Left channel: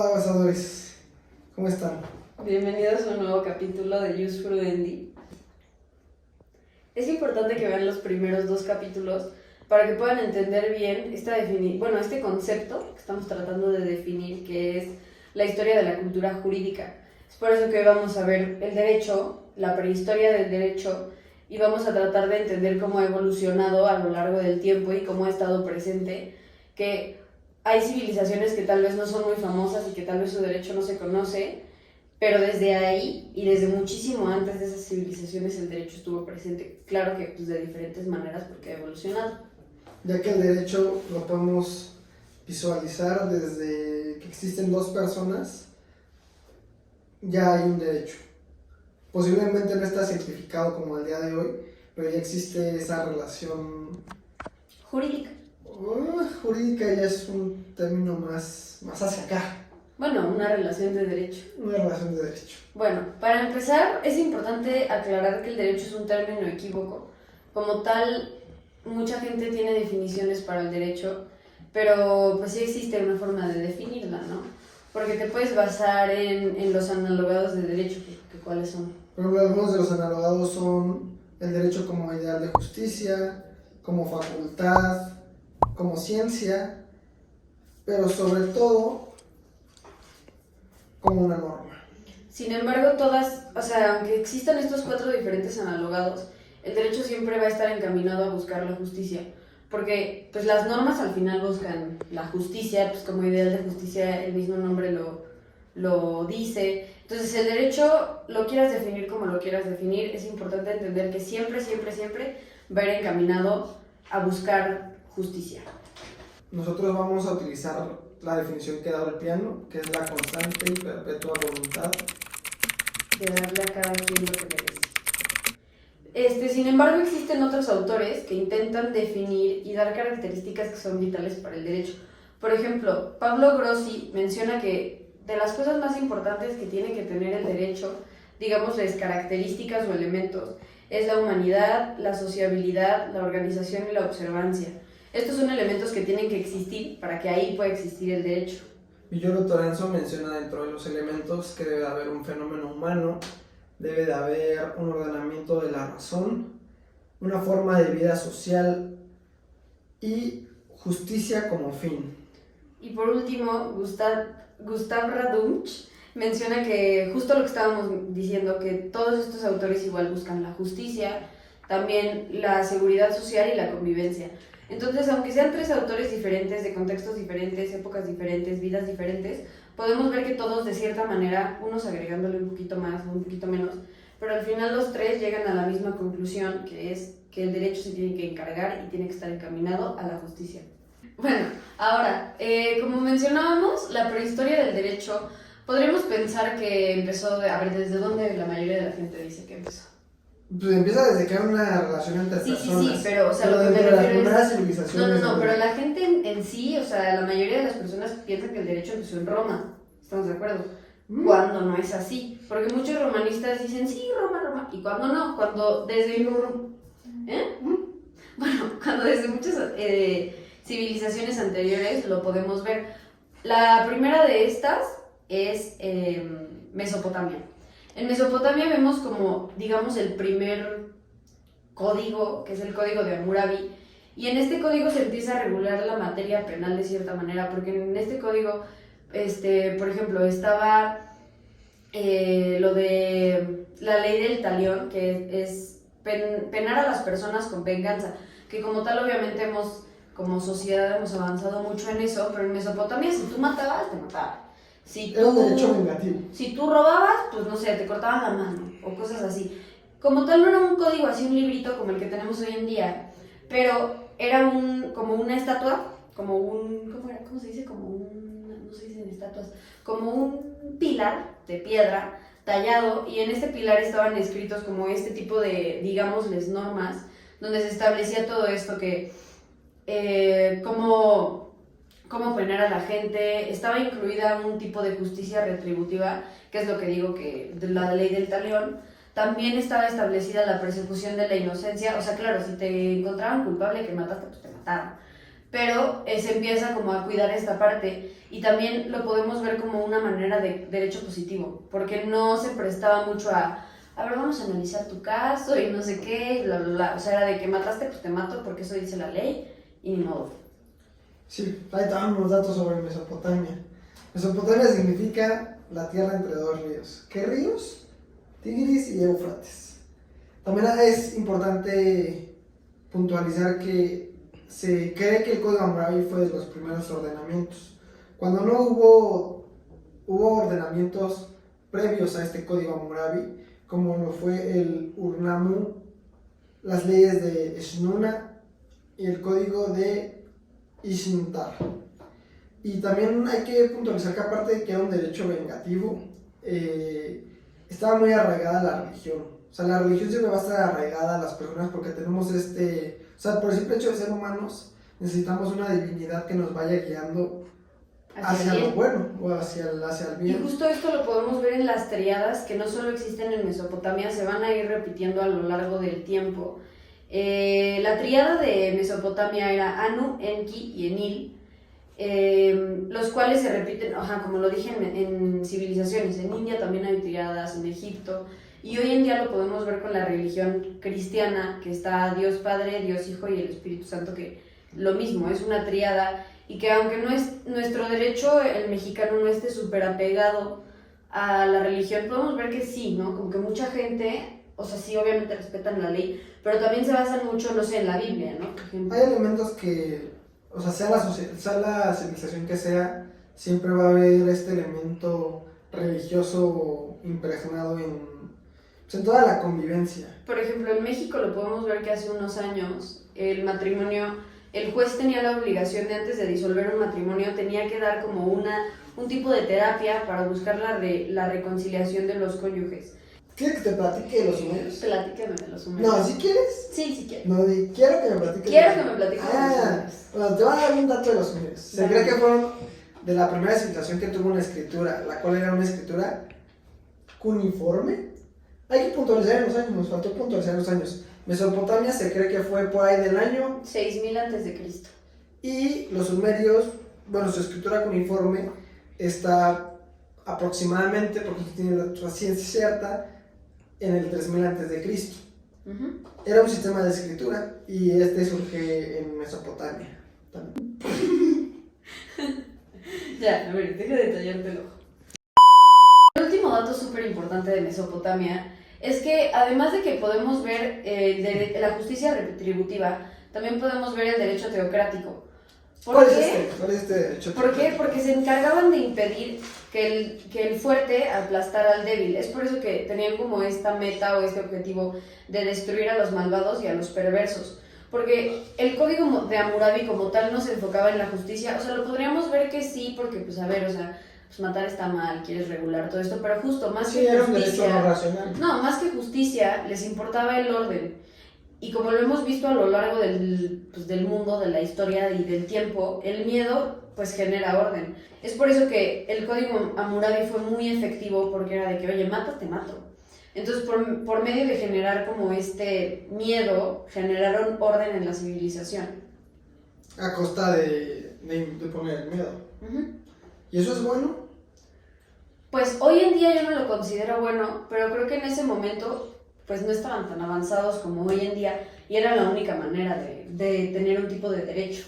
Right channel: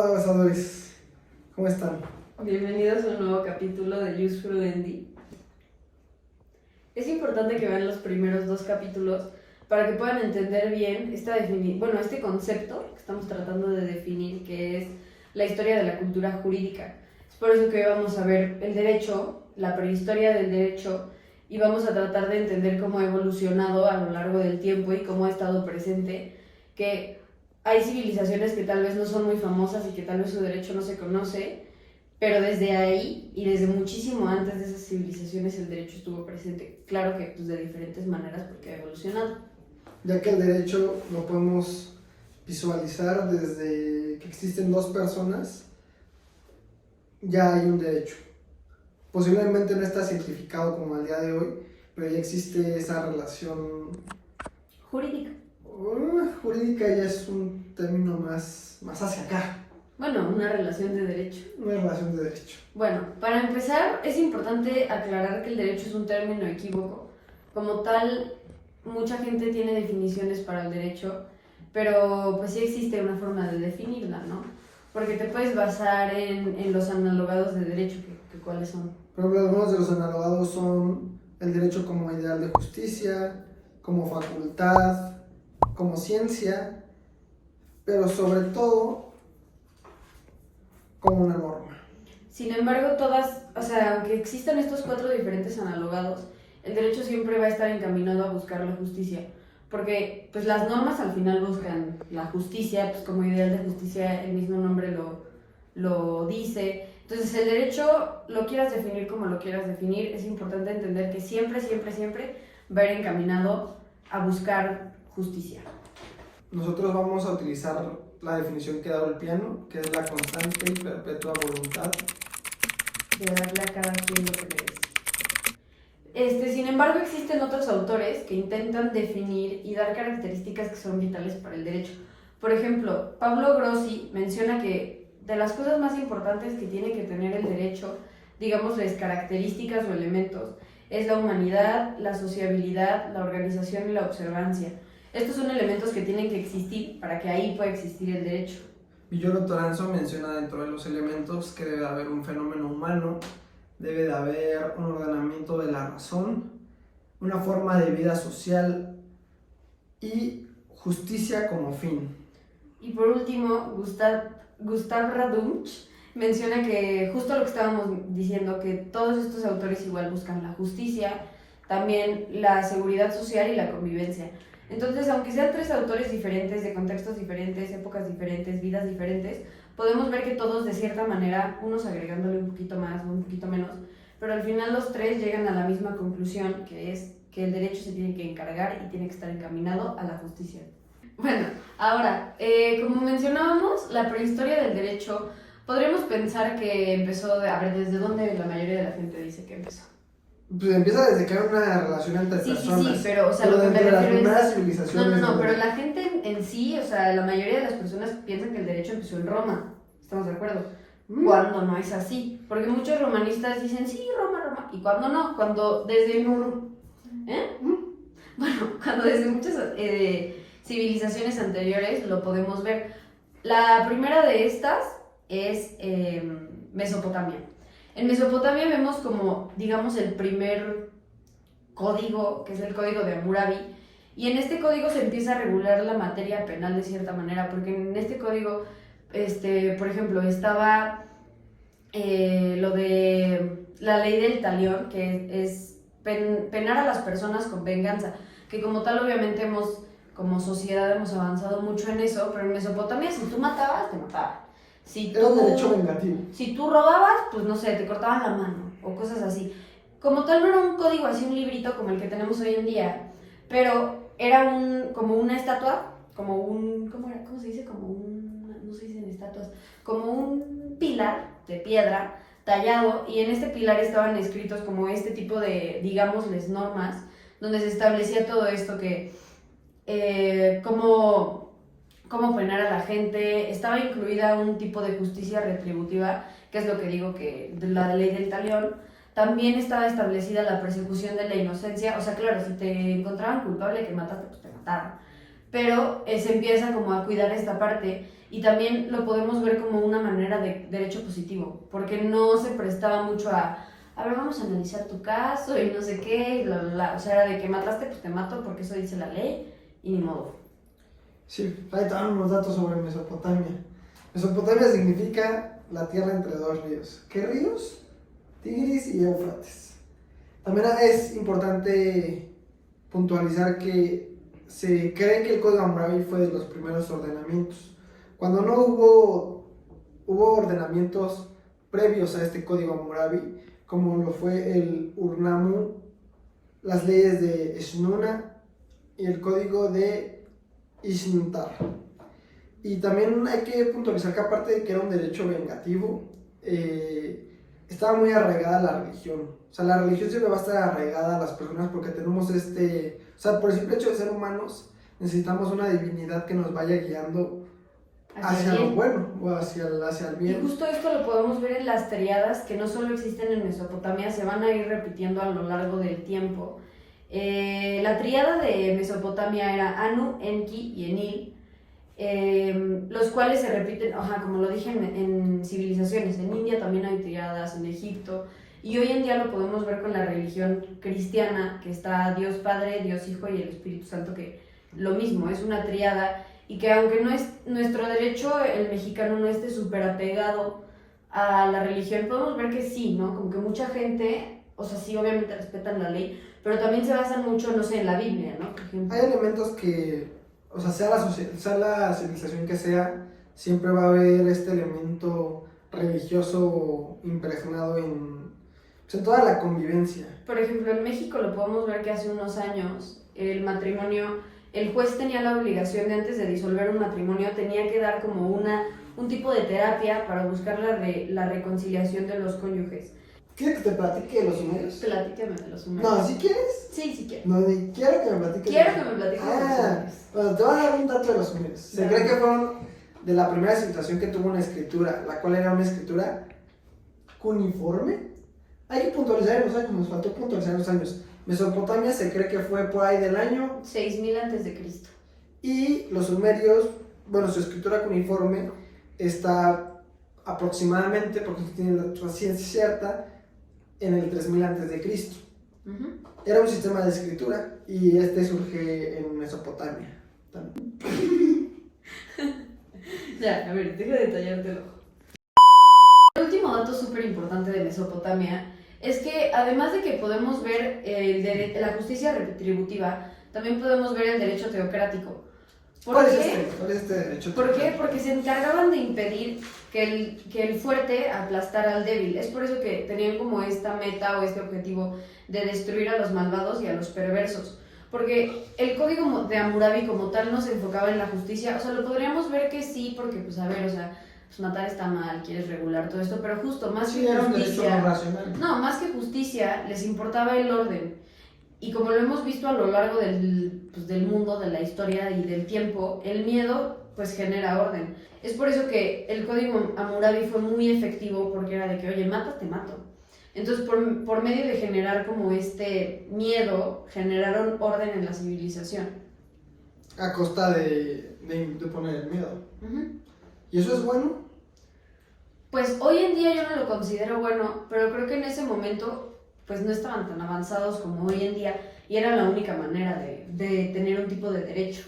Hola, gozadores. ¿Cómo están? Bienvenidos a un nuevo capítulo de Use Frudendi. Es importante que vean los primeros 2 capítulos para que puedan entender bien este concepto que estamos tratando de definir, que es la historia de la cultura jurídica. Es por eso que hoy vamos a ver el derecho, la prehistoria del derecho, y vamos a tratar de entender cómo ha evolucionado a lo largo del tiempo y cómo ha estado presente, que hay civilizaciones que tal vez no son muy famosas y que tal vez su derecho no se conoce, pero desde ahí y desde muchísimo antes de esas civilizaciones el derecho estuvo presente. Claro que pues, de diferentes maneras porque ha evolucionado. Ya que el derecho lo podemos visualizar desde que existen 2 personas, ya hay un derecho. Posiblemente no está simplificado como al día de hoy, pero ya existe esa relación Jurídica. Jurídica, ya es un término más hacia acá. Bueno, una relación de derecho. Una relación de derecho. Bueno, para empezar es importante aclarar que el derecho es un término equívoco. Como tal, mucha gente tiene definiciones para el derecho, pero pues sí existe una forma de definirla, ¿no? Porque te puedes basar en los analogados de derecho, que ¿cuáles son? Por ejemplo, algunos de los analogados son el derecho como ideal de justicia, como facultad, como ciencia, pero sobre todo como una norma. Sin embargo, aunque existan estos 4 diferentes analogados, el derecho siempre va a estar encaminado a buscar la justicia, porque pues las normas al final buscan la justicia, pues como ideal de justicia el mismo nombre lo dice. Entonces el derecho, lo quieras definir como lo quieras definir, es importante entender que siempre va a ir encaminado a buscar justicia. Nosotros vamos a utilizar la definición que da el piano, que es la constante y perpetua voluntad De darle a cada quien lo que merece. Sin embargo, existen otros autores que intentan definir y dar características que son vitales para el derecho. Por ejemplo, Pablo Grossi menciona que de las cosas más importantes que tiene que tener el derecho, digámosles características o elementos, es la humanidad, la sociabilidad, la organización y la observancia. Estos son elementos que tienen que existir para que ahí pueda existir el derecho. Villoro Toranzo menciona dentro de los elementos que debe de haber un fenómeno humano, debe de haber un ordenamiento de la razón, una forma de vida social y justicia como fin. Y por último, Gustav Radunch menciona que justo lo que estábamos diciendo, que todos estos autores igual buscan la justicia, también la seguridad social y la convivencia. Entonces, aunque sean 3 autores diferentes, de contextos diferentes, épocas diferentes, vidas diferentes, podemos ver que todos de cierta manera, unos agregándole un poquito más, un poquito menos, pero al final los 3 llegan a la misma conclusión, que es que el derecho se tiene que encargar y tiene que estar encaminado a la justicia. Bueno, ahora, como mencionábamos, la prehistoria del derecho, podríamos pensar que empezó, ¿desde dónde la mayoría de la gente dice que empezó? Pues empieza desde que hay una relación entre personas. Sí, pero, o sea, lo que me dentro de las refiero primeras es... civilizaciones. No, pero la gente en sí, o sea, la mayoría de las personas piensan que el derecho empezó en Roma. ¿Estamos de acuerdo? Cuando no es así. Porque muchos romanistas dicen, sí, Roma. Y cuando no, cuando desde... Bueno, cuando desde muchas civilizaciones anteriores lo podemos ver. La primera de estas es Mesopotamia. En Mesopotamia vemos como, digamos, el primer código, que es el código de Hammurabi, y en este código se empieza a regular la materia penal de cierta manera, porque en este código, por ejemplo, estaba lo de la ley del talión, que es penar a las personas con venganza, que como tal obviamente como sociedad hemos avanzado mucho en eso, pero en Mesopotamia si tú matabas, te mataban. Era un derecho vengativo. Si tú robabas, pues no sé, te cortaban la mano o cosas así. Como tal no era un código así, un librito como el que tenemos hoy en día, pero era como una estatua, como un, ¿cómo se dice? No se dicen estatuas, como un pilar de piedra tallado, y en este pilar estaban escritos como este tipo de, digámosles, normas, donde se establecía todo esto que, cómo penar a la gente. Estaba incluida un tipo de justicia retributiva, que es lo que digo, que de la ley del talión. También estaba establecida la persecución de la inocencia, o sea, claro, si te encontraban culpable que mataste, pues te mataban. pero se empieza como a cuidar esta parte y también lo podemos ver como una manera de derecho positivo, porque no se prestaba mucho a ver, vamos a analizar tu caso y no sé qué, y bla, bla, bla. O sea, era de que mataste, pues te mato porque eso dice la ley y ni modo. Sí, ahí están unos datos sobre Mesopotamia. Mesopotamia significa la tierra entre dos ríos. ¿Qué ríos? Tigris y Éufrates. También es importante puntualizar que se cree que el Código Hammurabi fue de los primeros ordenamientos. Cuando no hubo ordenamientos previos a este Código Hammurabi, como lo fue el Ur-Nammu, las leyes de Eshnuna y el Código de Ishtar. Y también hay que puntualizar que aparte de que era un derecho vengativo, estaba muy arraigada la religión. O sea, la religión siempre va a estar arraigada a las personas porque tenemos o sea, por el simple hecho de ser humanos, necesitamos una divinidad que nos vaya guiando hacia lo bueno o hacia el bien. Y justo esto lo podemos ver en las triadas que no solo existen en Mesopotamia, se van a ir repitiendo a lo largo del tiempo. La triada de Mesopotamia era Anu, Enki y Enil, los cuales se repiten, como lo dije, en civilizaciones. En India también hay triadas, en Egipto, y hoy en día lo podemos ver con la religión cristiana, que está Dios Padre, Dios Hijo y el Espíritu Santo, que lo mismo, es una triada. Y que aunque no es nuestro derecho, el mexicano no esté súper apegado a la religión, podemos ver que sí, ¿no? Como que mucha gente, o sea, sí, obviamente respetan la ley, pero también se basan mucho, no sé, en la Biblia, ¿no? Por ejemplo. Hay elementos que, o sea, sea la civilización que sea, siempre va a haber este elemento religioso impregnado en toda la convivencia. Por ejemplo, en México lo podemos ver que hace unos años el matrimonio, el juez tenía la obligación de antes de disolver un matrimonio, tenía que dar como un tipo de terapia para buscar la reconciliación de los cónyuges. ¿Quieres que te platique de los sumerios? Platícame de los sumerios. No, ¿sí quieres? Sí, sí quiero. No, quiero que me platiques. Quiero que me platiques de los sumerios. Bueno, te voy a dar un dato de los sumerios. Se cree que fueron de la primera civilización que tuvo una escritura, la cual era una escritura cuneiforme. Hay que puntualizar en los años, nos faltó puntualizar en los años. Mesopotamia se cree que fue por ahí del año 6000 antes de Cristo. Y los sumerios, bueno, su escritura cuneiforme está aproximadamente, porque tiene la ciencia cierta, en el 3000 antes de Cristo. Era un sistema de escritura y surge en Mesopotamia también. Ya, a ver, deja de detallártelo. El último dato súper importante de Mesopotamia es que además de que podemos ver la justicia retributiva, también podemos ver el derecho teocrático. ¿Cuál es este derecho? ¿Por qué? Porque se encargaban de impedir que el fuerte aplastara al débil. Es por eso que tenían como esta meta o este objetivo de destruir a los malvados y a los perversos. Porque el código de Hammurabi como tal no se enfocaba en la justicia. O sea, lo podríamos ver que sí, porque pues a ver, o sea, pues matar está mal, quieres regular todo esto, pero justo más que justicia, un derecho no racional. No, más que justicia, les importaba el orden. Y como lo hemos visto a lo largo del mundo, de la historia y del tiempo, el miedo pues genera orden. Es por eso que el código Hammurabi fue muy efectivo, porque era de que, oye, matas, te mato. Entonces, por medio de generar como este miedo, generaron orden en la civilización. A costa de poner el miedo. ¿Y eso es bueno? Pues hoy en día yo no lo considero bueno, pero creo que en ese momento pues no estaban tan avanzados como hoy en día y era la única manera de tener un tipo de derecho.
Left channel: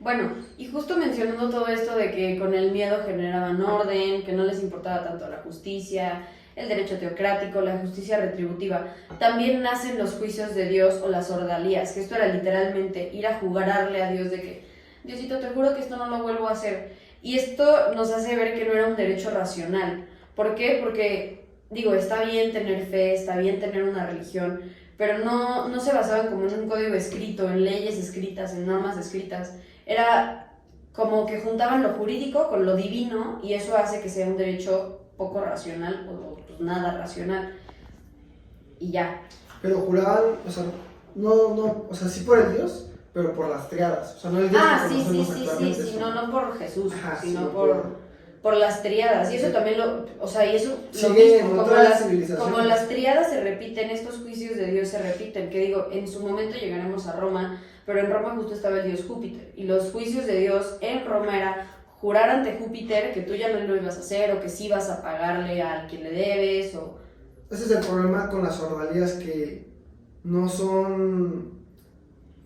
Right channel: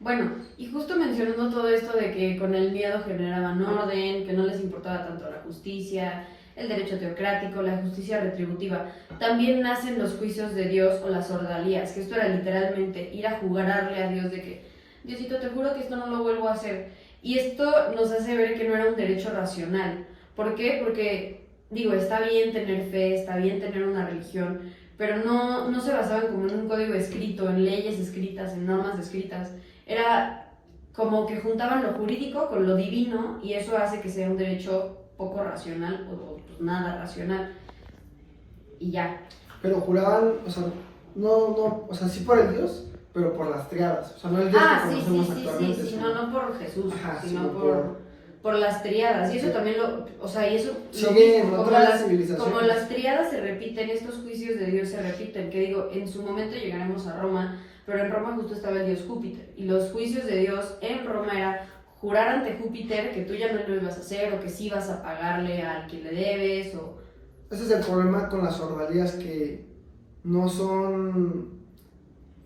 Bueno, y justo mencionando todo esto de que con el miedo generaban orden, que no les importaba tanto la justicia, el derecho teocrático, la justicia retributiva, también nacen los juicios de Dios o las ordalías, que esto era literalmente ir a jugarle a Dios de que, Diosito, te juro que esto no lo vuelvo a hacer. Y esto nos hace ver que no era un derecho racional. ¿Por qué? Porque, digo, está bien tener fe, está bien tener una religión, pero no se basaban como en un código escrito, en leyes escritas, en normas escritas. Era como que juntaban lo jurídico con lo divino y eso hace que sea un derecho poco racional o pues nada racional. Y ya. Pero juraban, o sea, o sea, sí por el Dios, pero por las triadas. O sea, no el Dios que conocemos actualmente. Sí, no por Jesús, sino por las triadas. Y eso también y eso sigue lo mismo, como las triadas se repiten, estos juicios de Dios se repiten, que digo, en su momento llegaremos a Roma, pero en Roma justo estaba el dios Júpiter, y los juicios de Dios en Roma era jurar ante Júpiter que tú ya no lo ibas a hacer, o que sí vas a pagarle al quien le debes, o... Ese es el problema con las ordalías, que no son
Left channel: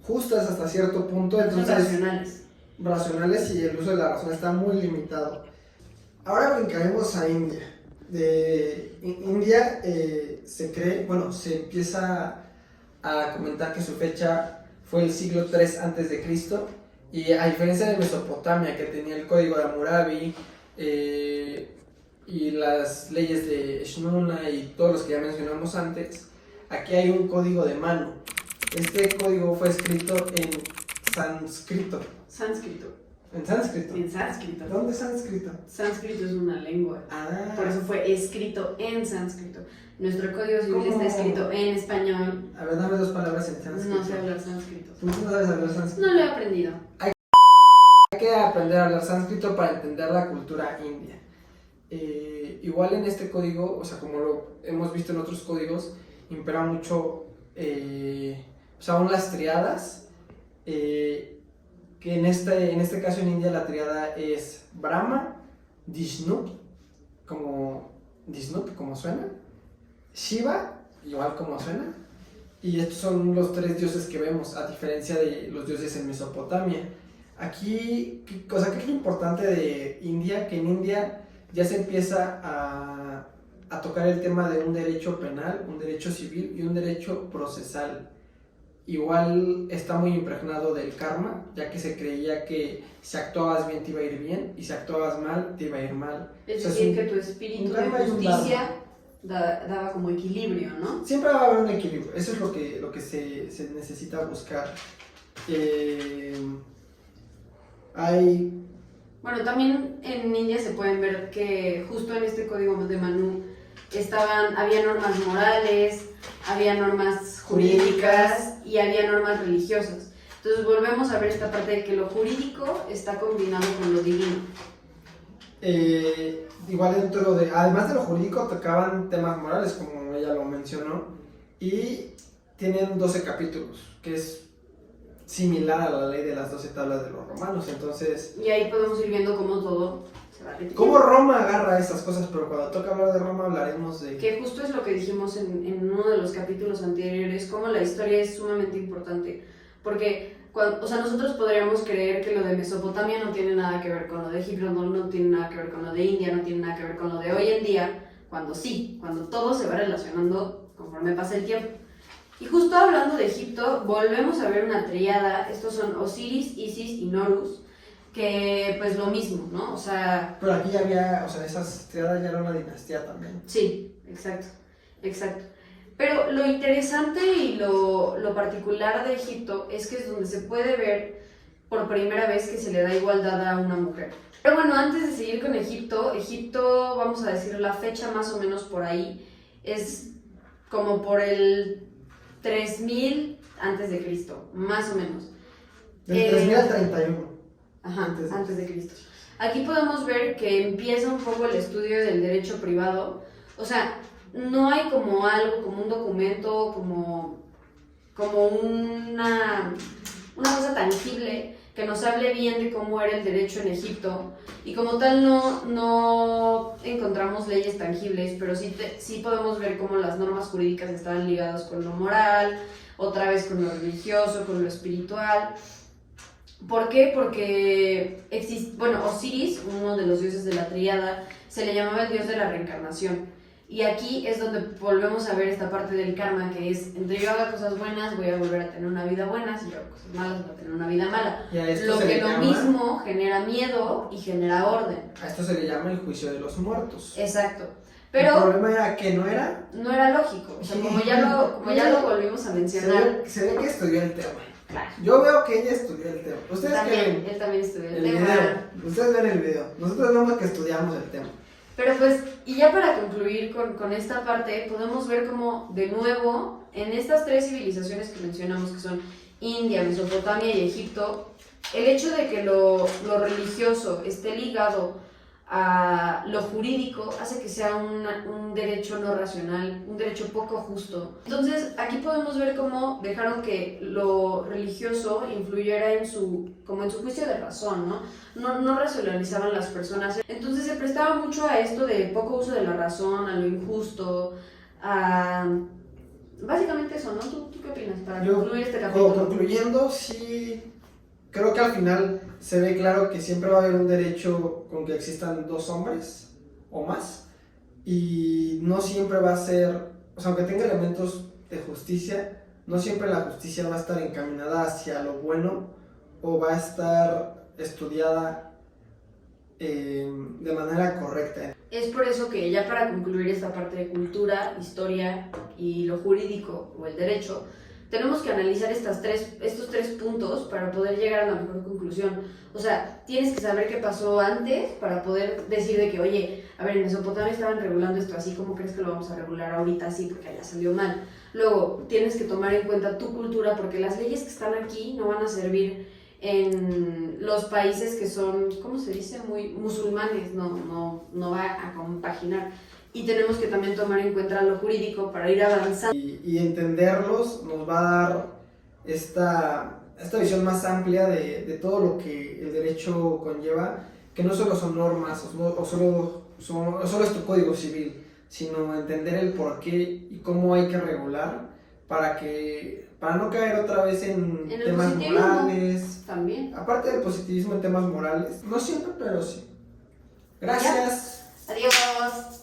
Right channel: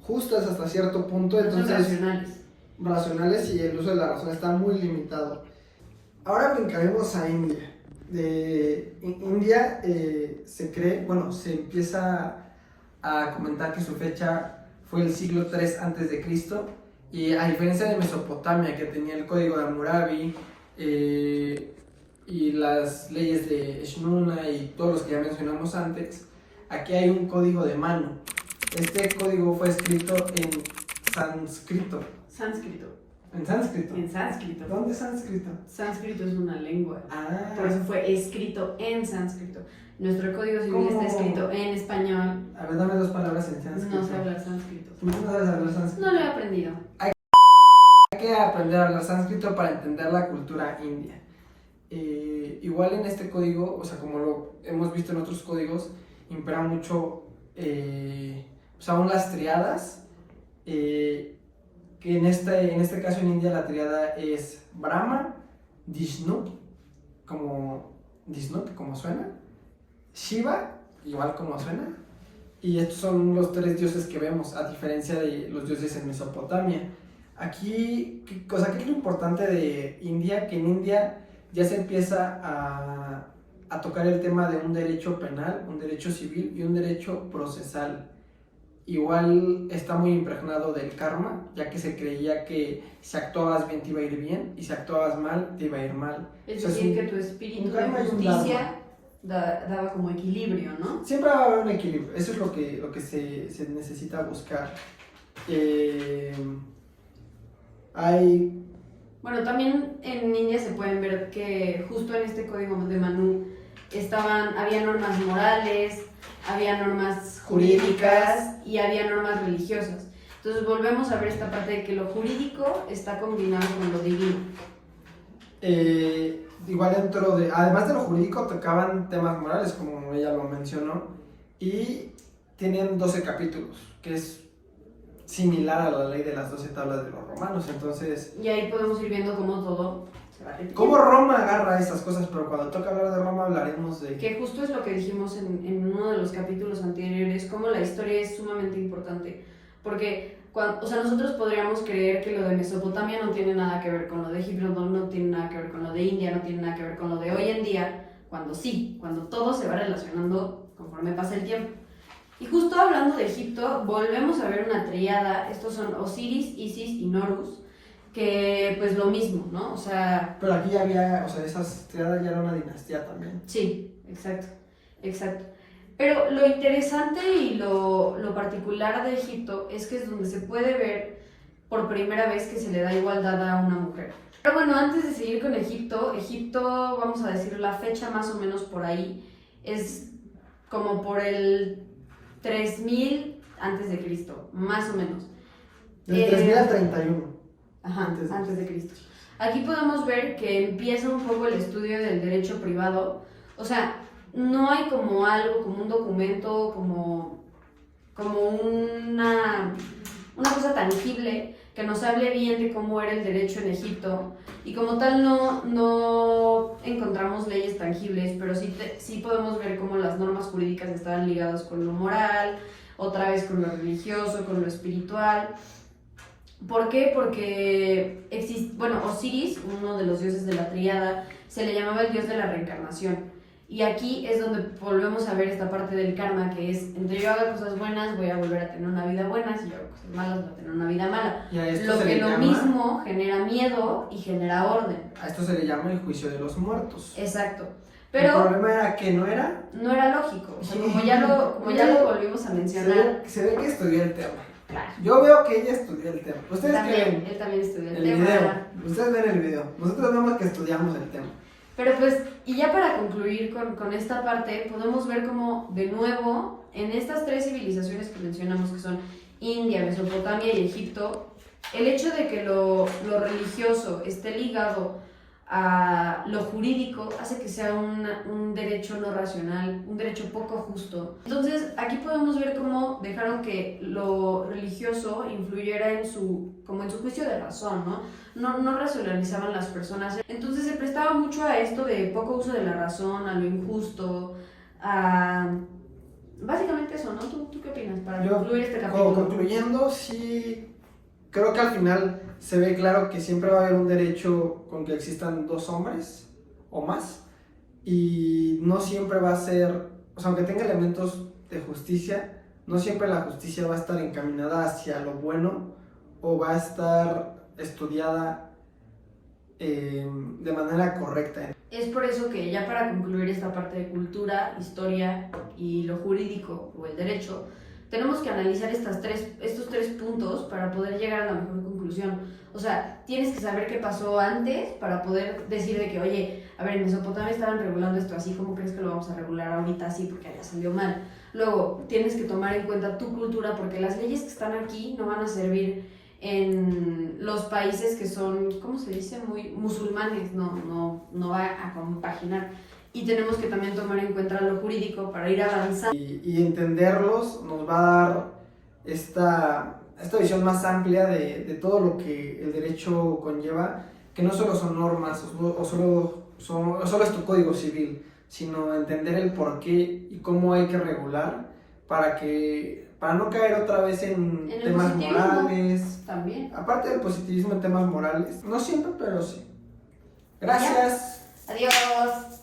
justas hasta cierto punto, entonces son racionales, y el uso de la razón está muy limitado. Ahora brincaremos a India. De India se cree, bueno, se empieza a comentar que su fecha fue el siglo III antes de Cristo, y a diferencia de Mesopotamia, que tenía el código de Hammurabi y las leyes de Eshnuna y todos los que ya mencionamos antes, aquí hay un código de Manu. Este código fue escrito en sánscrito. ¿En sánscrito? En sánscrito. ¿Dónde es sánscrito? Sánscrito es una lengua. Ah. Por eso fue escrito en sánscrito. Nuestro código civil está escrito en español. A ver, dame 2 palabras en sánscrito. No sé hablar sánscrito. ¿Tú no sabes hablar sánscrito? No lo he aprendido. Hay que aprender a hablar sánscrito para entender la cultura india. Igual en este código, o sea, como lo hemos visto en otros códigos, impera mucho, pues aún las triadas, que en este caso en India la triada es Brahma, Vishnu, como suena, Shiva, igual como suena, y estos son los 3 dioses que vemos, a diferencia de los dioses en Mesopotamia. Aquí, ¿qué es lo importante de India? Que en India ya se empieza a tocar el tema de un derecho penal, un derecho civil y un derecho procesal. Igual está muy impregnado del karma, ya que se creía que si actuabas bien te iba a ir bien, y si actuabas mal te iba a ir mal. Es decir, que tu espíritu de justicia daba como equilibrio, ¿no? Siempre va a haber un equilibrio, eso es lo que se necesita buscar. Bueno, también en India se pueden ver que justo en este código de Manu había normas morales, había normas jurídicas y había normas religiosas. Entonces volvemos a ver esta parte de que lo jurídico está combinado con lo divino. Igual además de lo jurídico, tocaban temas morales, como ella lo mencionó, y tienen 12 capítulos, que es similar a la ley de las 12 tablas de los romanos. Entonces, y ahí podemos ir viendo cómo todo se va repitiendo. Cómo Roma agarra esas cosas, pero cuando toca hablar de Roma hablaremos de... Que justo es lo que dijimos en uno de los capítulos anteriores, cómo la historia es sumamente importante, porque nosotros podríamos creer que lo de Mesopotamia no tiene nada que ver con lo de Egipto, no tiene nada que ver con lo de India, no tiene nada que ver con lo de hoy en día, cuando todo se va relacionando conforme pasa el tiempo. Y justo hablando de Egipto, volvemos a ver una triada. Estos son Osiris, Isis y Horus, que pues lo mismo, ¿no? Pero aquí había, esas triadas ya era una dinastía también. Sí, exacto. Pero lo interesante y lo particular de Egipto es que es donde se puede ver por primera vez que se le da igualdad a una mujer. Pero bueno, antes de seguir con Egipto, vamos a decir la fecha más o menos por ahí, es como por el 3000 antes de Cristo, más o menos. Del 3000 al 31. Ajá, antes de Cristo. Aquí podemos ver que empieza un poco el estudio del derecho privado. No hay como algo, como un documento, como una cosa tangible que nos hable bien de cómo era el derecho en Egipto, y como tal no encontramos leyes tangibles, pero sí podemos ver cómo las normas jurídicas estaban ligadas con lo moral, otra vez con lo religioso, con lo espiritual. ¿Por qué? Porque Osiris, uno de los dioses de la tríada, se le llamaba el dios de la reencarnación. Y aquí es donde volvemos a ver esta parte del karma, que es, entre yo haga cosas buenas, voy a volver a tener una vida buena, si yo hago cosas malas, voy a tener una vida mala. Lo que lo mismo genera miedo y genera orden. A esto se le llama el juicio de los muertos. Exacto. Pero el problema era que no era lógico. Como ya lo volvimos a mencionar. Se ve que estudió el tema. Claro. Yo veo que ella estudió el tema. Él también estudió el tema. Video. Ustedes ven el video. Nosotros vemos que estudiamos el tema. Pero pues, y ya para concluir con esta parte, podemos ver cómo, de nuevo, en estas 3 civilizaciones que mencionamos, que son India, Mesopotamia y Egipto, el hecho de que lo religioso esté ligado a lo jurídico hace que sea un derecho no racional, un derecho poco justo. Entonces aquí podemos ver cómo dejaron que lo religioso influyera en su juicio de razón, no racionalizaban las personas. Entonces se prestaba mucho a esto de poco uso de la razón, a lo injusto, a... Básicamente eso, ¿no? ¿Tú qué opinas para concluir este capítulo? Concluyendo, sí, creo que al final se ve claro que siempre va a haber un derecho con que existan dos hombres o más, y no siempre va a ser, o sea, aunque tenga elementos de justicia, no siempre la justicia va a estar encaminada hacia lo bueno o va a estar estudiada de manera correcta. Es por eso que ya para concluir esta parte de cultura, historia y lo jurídico o el derecho, tenemos que analizar estos tres puntos para poder llegar a la mejor conclusión. O sea, tienes que saber qué pasó antes para poder decir de que, oye, a ver, en Mesopotamia estaban regulando esto así, ¿cómo crees que lo vamos a regular ahorita así porque allá salió mal? Luego, tienes que tomar en cuenta tu cultura porque las leyes que están aquí no van a servir en los países que son, ¿cómo se dice? Muy musulmanes, no va a compaginar. Y tenemos que también tomar en cuenta lo jurídico para ir avanzando. Y entenderlos nos va a dar esta visión más amplia de todo lo que el derecho conlleva, que no solo son normas o solo es tu código civil, sino entender el por qué y cómo hay que regular para no caer otra vez en temas morales. También. Aparte del positivismo en temas morales, no siempre, pero sí. Gracias. Adiós.